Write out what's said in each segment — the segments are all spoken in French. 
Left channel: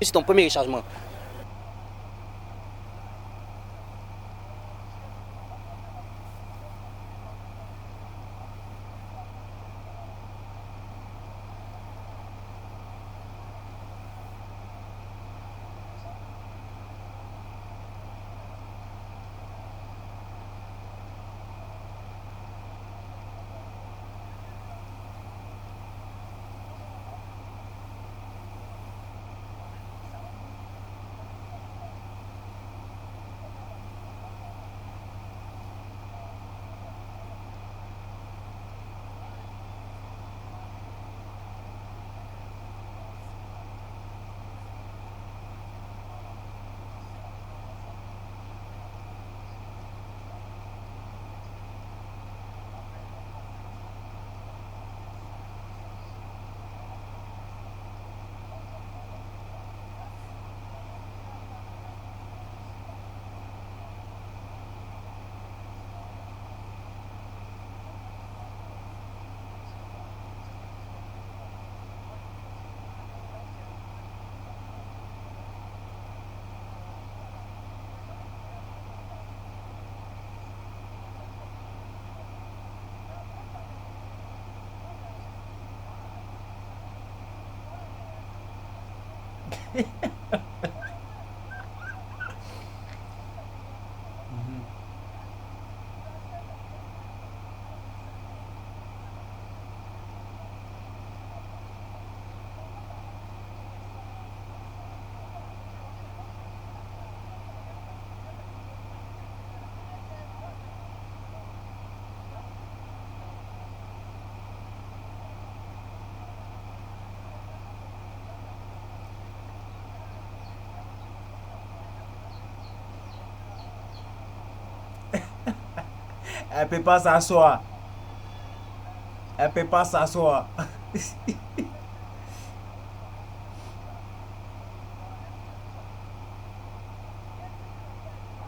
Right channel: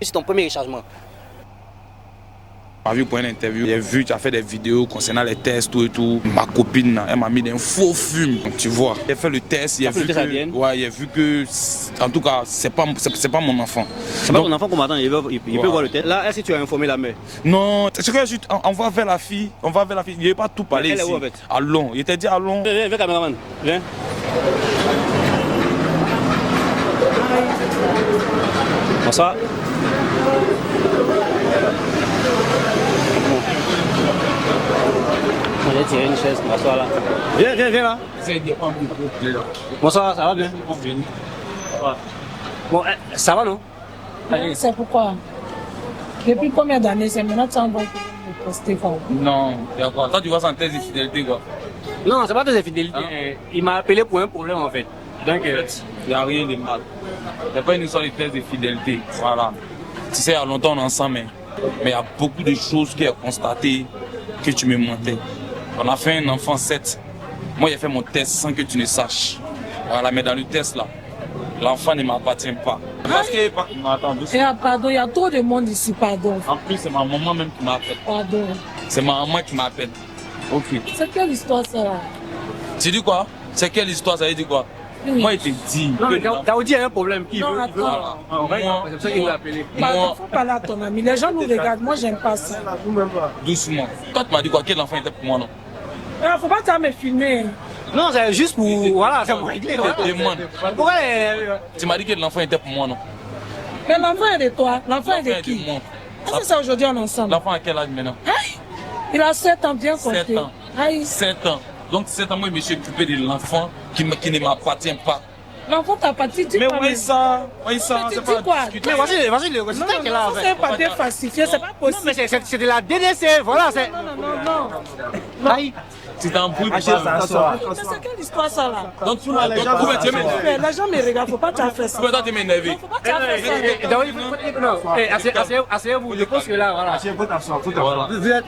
C'est ton premier rechargement. On m'a vu pour une interview, j'ai vu, tu as fait des vidéos concernant les tests, tout et tout. Ma copine, elle m'a mis des faux fumes, tu vois. J'ai fait le test, j'ai vu que, en tout cas, c'est pas mon enfant. C'est pas ton enfant qu'on m'attend, il peut voir le test. Là, est-ce que tu as informé la mère? Non, c'est que juste, on va vers la fille, il n'y avait pas tout parlé ici. Elle est où en fait? À Long, il était dit à Long. Viens, caméraman, viens. Bonsoir. On va tirer une chaise, m'asseoir là. Viens là. Bonsoir, ça va bien? Bon, ça va non? C'est pourquoi? Depuis combien d'années c'est maintenant que tu envoies pour poster? Non, d'accord. Toi, tu vois ça en thèse de fidélité, quoi. Non, c'est pas de infidélité. Il m'a appelé pour un problème en fait. Donc, il n'y a rien de mal. C'est pas une histoire de thèse de fidélité. Voilà. Tu sais, il y a longtemps on est ensemble, mais il y a beaucoup de choses qui ont constaté que tu me mentais. On a fait un enfant 7. Moi, j'ai fait mon test sans que tu ne saches. Voilà, mais dans le test là, l'enfant ne m'appartient pas. Parce que, Pardon, il y a trop de monde ici, pardon. En plus, c'est ma maman même qui m'appelle. Pardon. C'est ma maman qui m'appelle. Ok. C'est quelle histoire ça là? Tu dis quoi? C'est quelle histoire? Ça veut dire quoi? Oui. Moi, il te dit. non, mais Daoudi a un problème. Non, attends. C'est pour ça qu'il l'a appelé. Pardon, faut parler à ton ami. Les gens nous regardent, moi j'aime pas ça. Doucement. Toi, tu m'as dit quoi? Quel enfant était pour moi, non? Faut pas t'en me filmer. Non, c'est juste pour. Voilà, c'est pour régler. Demande. Pourquoi Tu m'as dit que l'enfant était pour moi, non? Mais l'enfant est de toi. L'enfant est de L'enfant est qui? de moi. Est-ce que c'est aujourd'hui on est ensemble? L'enfant a quel âge maintenant? Aïe! Il a 7 ans, bien compté. 7 ans. Aïe! 7 ans. Donc 7 ans, moi, je me suis occupé de l'enfant qui ne m'appartient pas. L'enfant t'a pas dit, Mais pas. oui, ça, Mais c'est tu pas dis quoi? discuter. Mais voici le résultat Non, qu'il a en ça fait. c'est un papier falsifié, c'est pas Non, possible. mais c'est de la DDC, voilà. C'est... Non. Aïe. Tu t'embrouilles. Elle peut pas s'asseoir. Mais c'est quelle histoire ça là? Donc tu Elle peut pas s'asseoir. Mais les gens me regardent, faut pas t'en faire ça. peux toi te m'énerver. Faut pas t'en faire ça. Asseyez-vous, je pense que là, voilà.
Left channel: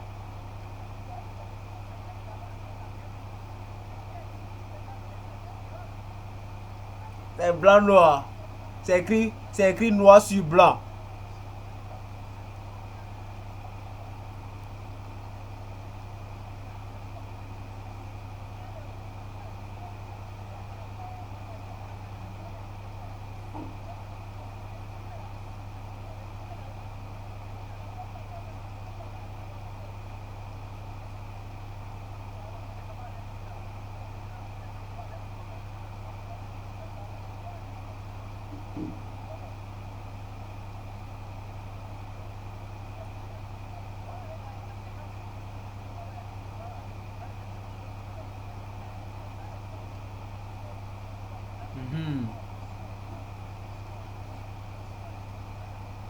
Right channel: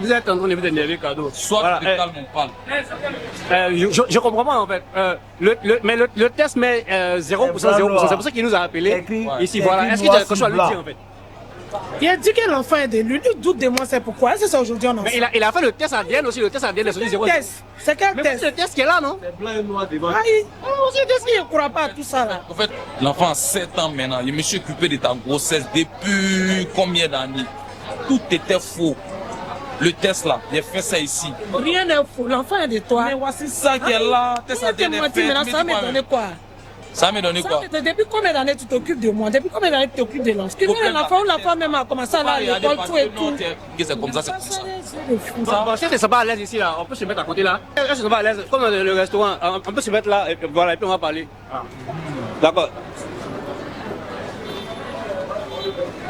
Vous êtes en train de vous énerver, cadeau. Soit tu te calmes, on parle. Je comprends pas en fait. Mais le test met 0%, blanc, 0%. noir. C'est pour ça qu'il nous a appelés. C'est écrit, Ici, c'est voilà. écrit Est-ce noir qu'il y a quelque sur chose à lui blanc. dire en fait? Il a dit que l'enfant est de lui. Lui doute de moi, c'est pourquoi? Est-ce que c'est aujourd'hui on en Mais il a fait le test ADN aussi. Le test ADN est sorti 0. test. C'est quel Mais test? c'est le test qui est là, non? Aïe! C'est qu'est-ce qu'il ne croit pas à tout ça là? En fait, l'enfant a 7 ans maintenant. Je me suis occupé de ta grossesse depuis combien d'années? Tout était faux. Le test là, j'ai fait ça ici. Rien n'est faux. L'enfant est de toi. Mais voici ça qui est là. Test Tu ADN t'es est menti, fait. maintenant ça m'a donné quoi? Ça m'a donné quoi? Depuis combien d'années tu t'occupes de moi? Depuis combien d'années tu t'occupes de l'enfant? L'enfant ou l'enfant même a commencé à aller à l'école, tout et tout. C'est comme ça, c'est comme ça. Bon, si elles ne sont pas à l'aise ici, là, on peut se mettre à côté là. Elles ne sont pas à l'aise, comme dans le restaurant, on peut se mettre là, et puis, voilà, et puis on va parler. D'accord.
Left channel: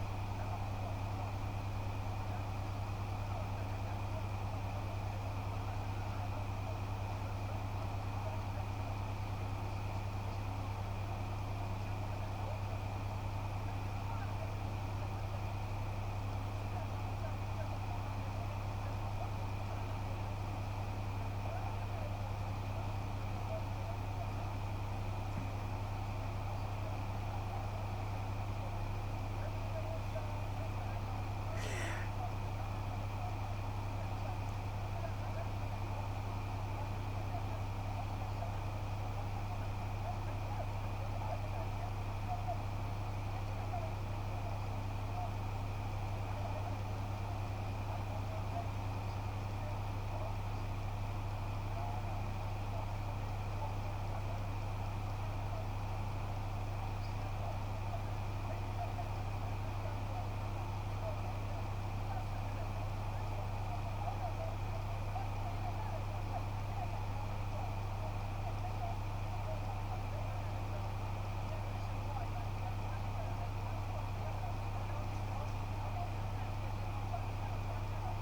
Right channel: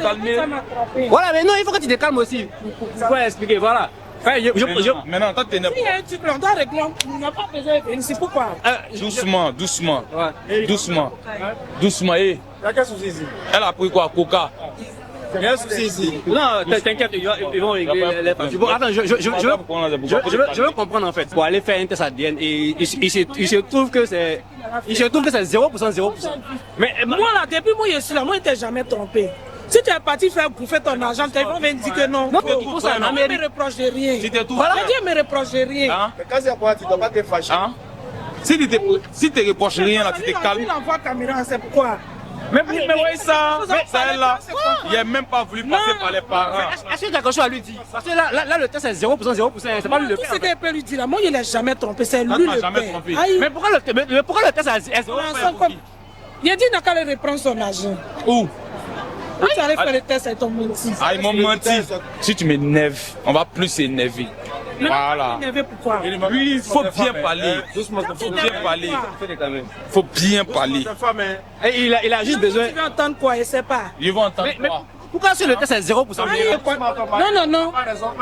Calmez. Voilà, mais non, il faut que tu te calmes aussi. Pour expliquer, voilà. Maintenant, toi, t'es Il y a un truc, on doit régler, on n'a pas besoin de venir, c'est pourquoi? doucement, doucement. Ouais. Doucement. Doucement, eh. Il y a quel souci ici? Elle a pris quoi? Coca. Il y a un souci ici. Non, t'inquiète, ils vont régler les parties. Bon, attends, je veux comprendre en fait. Pour aller faire un test ADN, et il se trouve que c'est 0%, 0%. Mais moi là, depuis moi je suis là, moi je ne t'ai jamais trompé. Si tu es parti faire bouffer ton argent, tu vas me dire que non. Non, pour ça, ne me reproche de rien. C'était tout. Voilà, Dieu me reproche de rien. Hein? Mais quand c'est pour tu ne dois pas te fâcher. Hein? Si tu te reproches rien là, tu te calmes. Il envoie caméra, c'est pourquoi? Mais oui, ça est là. Il n'a même pas voulu passer par les parents. Est-ce que tu as quelque chose à lui dire? Parce que là le test est 0%, 0%, c'est pas lui le Tout père. ce qu'il peut lui dire là, moi je ne l'ai jamais trompé, c'est lui tu le m'as jamais père. trompé. Aïe. Mais pourquoi le test est 0%? Il a dit qu'il allait reprendre son argent. Où? Où tu allais faire le test avec ton menti? Ah, ils m'ont menti. Si tu m'énerves, on va plus s'énerver. Voilà. Énervé pourquoi? Oui, il faut bien parler. Doucement, Il faut bien parler. Il faut bien parler. Et il a juste besoin. Tu veux entendre quoi? Je ne sais pas. Ils vont entendre Mais quoi? pourquoi si le test est 0%? Non.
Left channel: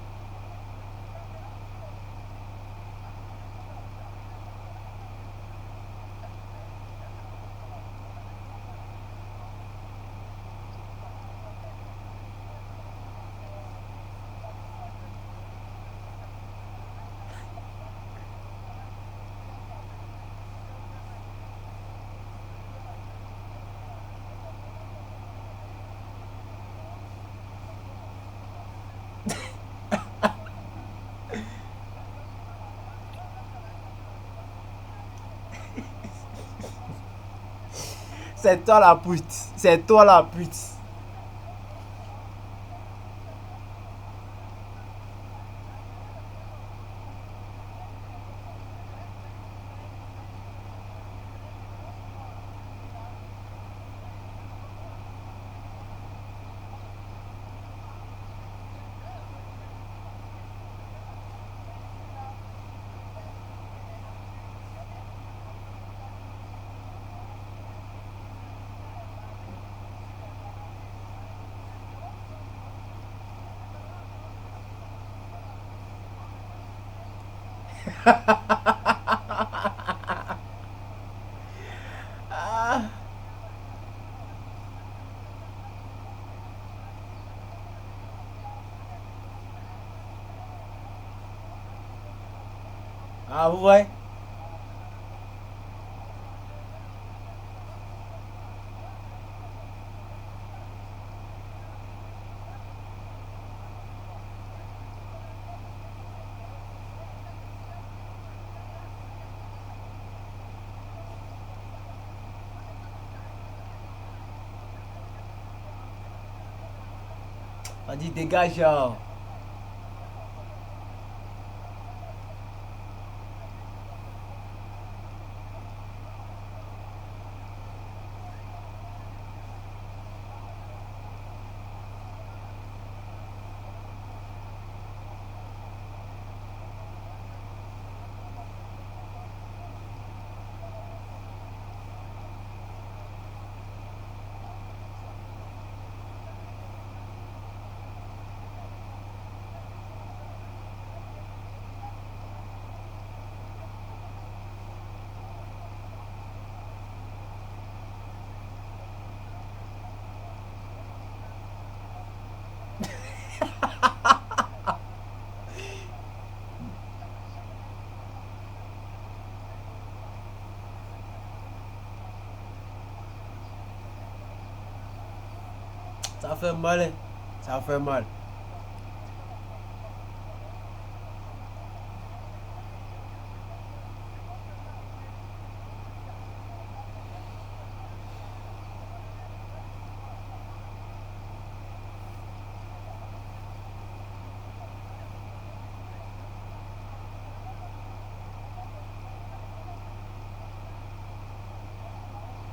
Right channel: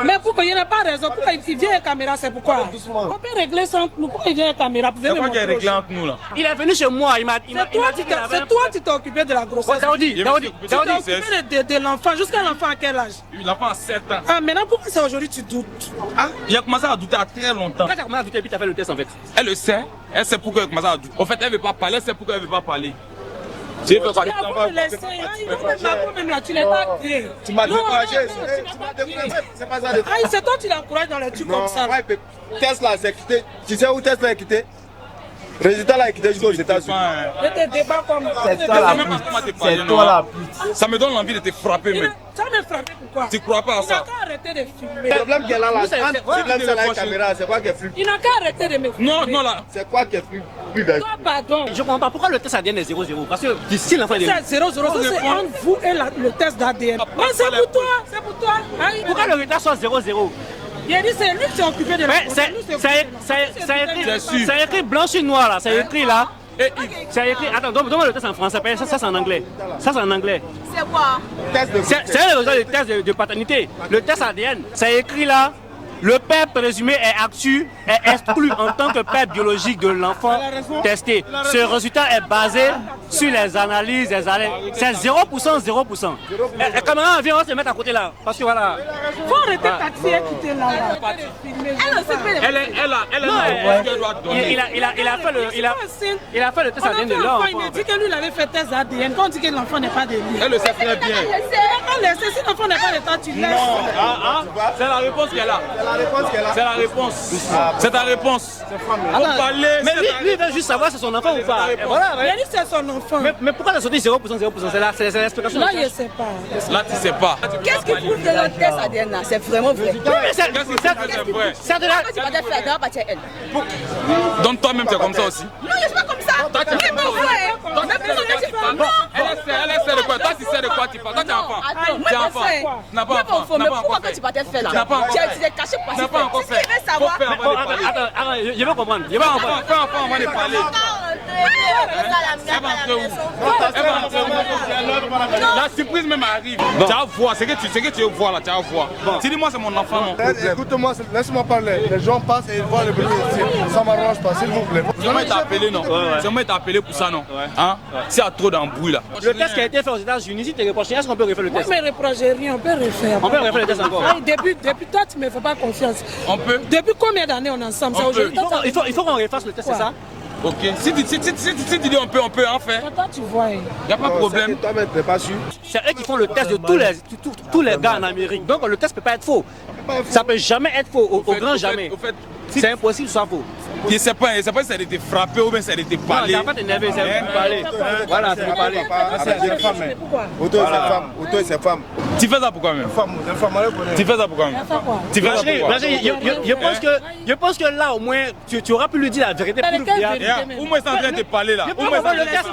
Mais pourquoi il n'a pas raison? Pourquoi il vient à caméra? C'est pourquoi? On peut régler sans nous. Pourquoi il vient à caméra? C'est quoi qui est réglé entre nous là? Il est venu chez moi, il m'a dit. C'est toi qui t'es occupé de la grossesse. Daoudi, Tu t'es occupé de l'enfant. Jusqu'à l'enfant à quel âge? L'enfant a 7 ans. Ah, maintenant pourquoi c'est aujourd'hui tu doutes? Ah, il a commencé à douter à très longtemps. Quand tu as commencé à douter, puis tu as fait le test en fait. Elle le sait. Elle sait pourquoi elle commence à douter. En fait, elle ne veut pas parler. Elle sait pourquoi elle ne veut pas parler. Tu veux pas Tu as laissé, même là, tu l'as pas créé. Tu m'as Non, découragé. non, non, tu m'as pas créé. C'est pas ça. le- Ah, c'est toi qui l'encourages dans les trucs Non, comme ça. ouais, mais Tesla, c'est quitté. Tu sais où Tesla est quitté? Résultat, là, est quitté jusqu'aux États-Unis. Je te débat comme C'est toi la pute. C'est toi la pute. Ça me donne envie de te frapper, mais Ça me frappé pourquoi? tu crois pas à Il n'a ça? qu'à arrêter de filmer. Le problème qu'elle a là, c'est- quand c'est- tu lèves ça là, la caméra, c'est quoi qui est plus? Il n'a qu'à arrêter de me filmer. Non, non, là. C'est quoi qui est plus vert? Toi, pardon. Je comprends pas pourquoi le test ADN est 0-0. Parce que si l'enfant est C'est 0-0, ça c'est entre vous et le test d'ADN. Non, c'est pour toi, c'est pour toi. Hein, pourquoi le retard soit 0-0? Il a dit c'est lui qui s'est occupé de la Ouais, c'est lui qui s'est occupé. c'est écrit blanc sur noir là, c'est écrit là. Et C'est écrit, attends, donne-moi le test en français, ça c'est en anglais. Ça c'est en anglais. C'est quoi? Test de C'est un résultat du test de paternité. Le test ADN, c'est écrit là. Le père présumé est exclu en tant que père biologique de l'enfant testé. Ce résultat est basé sur les analyses des années. C'est 0%, 0%. Et caméra, viens, on va se mettre à côté là. Parce que voilà. Faut arrêter de taxer et quitter là. Elle aussi peut elle ouais. Il a fait le test On a ADN fait de un l'enfant. enfant, il m'a dit que lui il avait fait test ADN. Quand on dit que l'enfant n'est pas de lui. Elle le sait très bien. On laisse, si l'enfant n'est pas de toi, tu laisses. C'est la réponse qu'elle a. la réponse qu'elle a. C'est la réponse. C'est ta réponse. Faut parler. Mais lui, il veut juste savoir si c'est son enfant ou pas. Et voilà, Il a dit que c'est son enfant. mais pourquoi la sortie 0%, 0%? C'est l'explication. Là, il ne sait pas. Là, tu sais pas. Qu'est-ce qui prouve que le test ADN là, c'est vraiment vrai? Oui, mais c'est Qu'est-ce que c'est vrai? c'est de la. Pourquoi tu vas te faire dans la partie elle? Donc toi-même, tu es comme ça aussi. Non, je suis pas comme ça. C'est pas vrai. Mais pourquoi tu fais non? Elle essaie de quoi? Toi, tu sais de quoi tu parles. Toi, tu es enfant. Attends, Tu es moi enfant. je sais. Tu n'as pas Moi, enfant. mon faux, mais pourquoi quand tu vas te faire là? Tu n'as pas enfant. Tu as utilisé caché pour Tu n'as pas encore passer. fait. Si tu veux savoir. Faut faire avant de parler. Attends, je veux comprendre. Je veux comprendre. Fais enfant avant de parler. La surprise même arrive. Tu vas voir, ce que tu veux voir là, tu vas voir. Tu dis moi c'est mon enfant. Non. Écoute-moi, laisse-moi parler. Les gens passent et ils voient le bébé ici. Ça m'arrange pas, s'il vous plaît. C'est moi qui t'a appelé non. C'est moi qui t'a appelé pour ça non. Hein? S'il y a trop d'embrouille là. Le test qui a été fait aux États-Unis, si tu es reproché, est-ce qu'on peut refaire le Moi, test? je ne me reproche rien, on peut refaire. On peut refaire le test encore. Depuis toi, tu ne me fais pas confiance. On peut. Depuis combien d'années on est ensemble? On Ça, peut. aujourd'hui, Il faut qu'on refasse le test, c'est ça? Ok. Si tu dis on peut en faire. toi, tu vois. Il n'y a pas de problème. Toi-même, tu n'es pas sûr. C'est eux qui font le test de tous les gars en Amérique. Donc le test ne peut pas être faux. Ça ne peut jamais être faux, au grand jamais. Au fait, C'est impossible que ce soit faux. je ne sais pas si ça a été frappé ou bien ça a été Non, parlé. t'as pas t'énerver, c'est pour parler. Voilà, c'est pour parler. C'est une femme. Pourquoi? Auto et ses femmes. Auto et ses femmes. Tu fais ça pourquoi même? Une femme, elle connaît. Tu fais ça pourquoi même? Ça quoi? Tu fais ça pourquoi? Je pense que là, au moins, tu auras pu lui dire la vérité. Mais Pour quelle le vérité? Où moi c'est en train de te parler là? Où moi le test.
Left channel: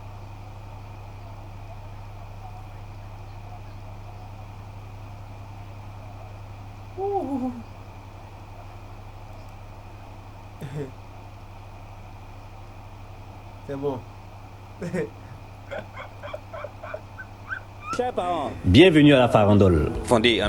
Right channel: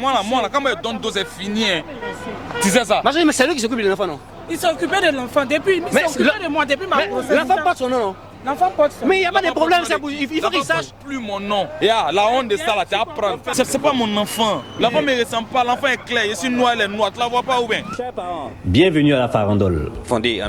moi là, quand je donne dos c'est fini. Hein. Tu sais ça? Mais c'est lui qui s'occupe de l'enfant, non? Il s'est occupé de l'enfant depuis. Il s'est occupé de moi depuis ma grossesse. L'enfant porte son nom, non? L'enfant porte son nom. Mais il n'y a pas de problème, il faut qu'il sache. Plus mon nom. La honte de ça là, tu apprends. C'est pas mon enfant. L'enfant me ressemble pas. L'enfant est clair. Je suis noir, elle est noire. Tu la vois pas ou bien? Bienvenue à la farandole. Fondé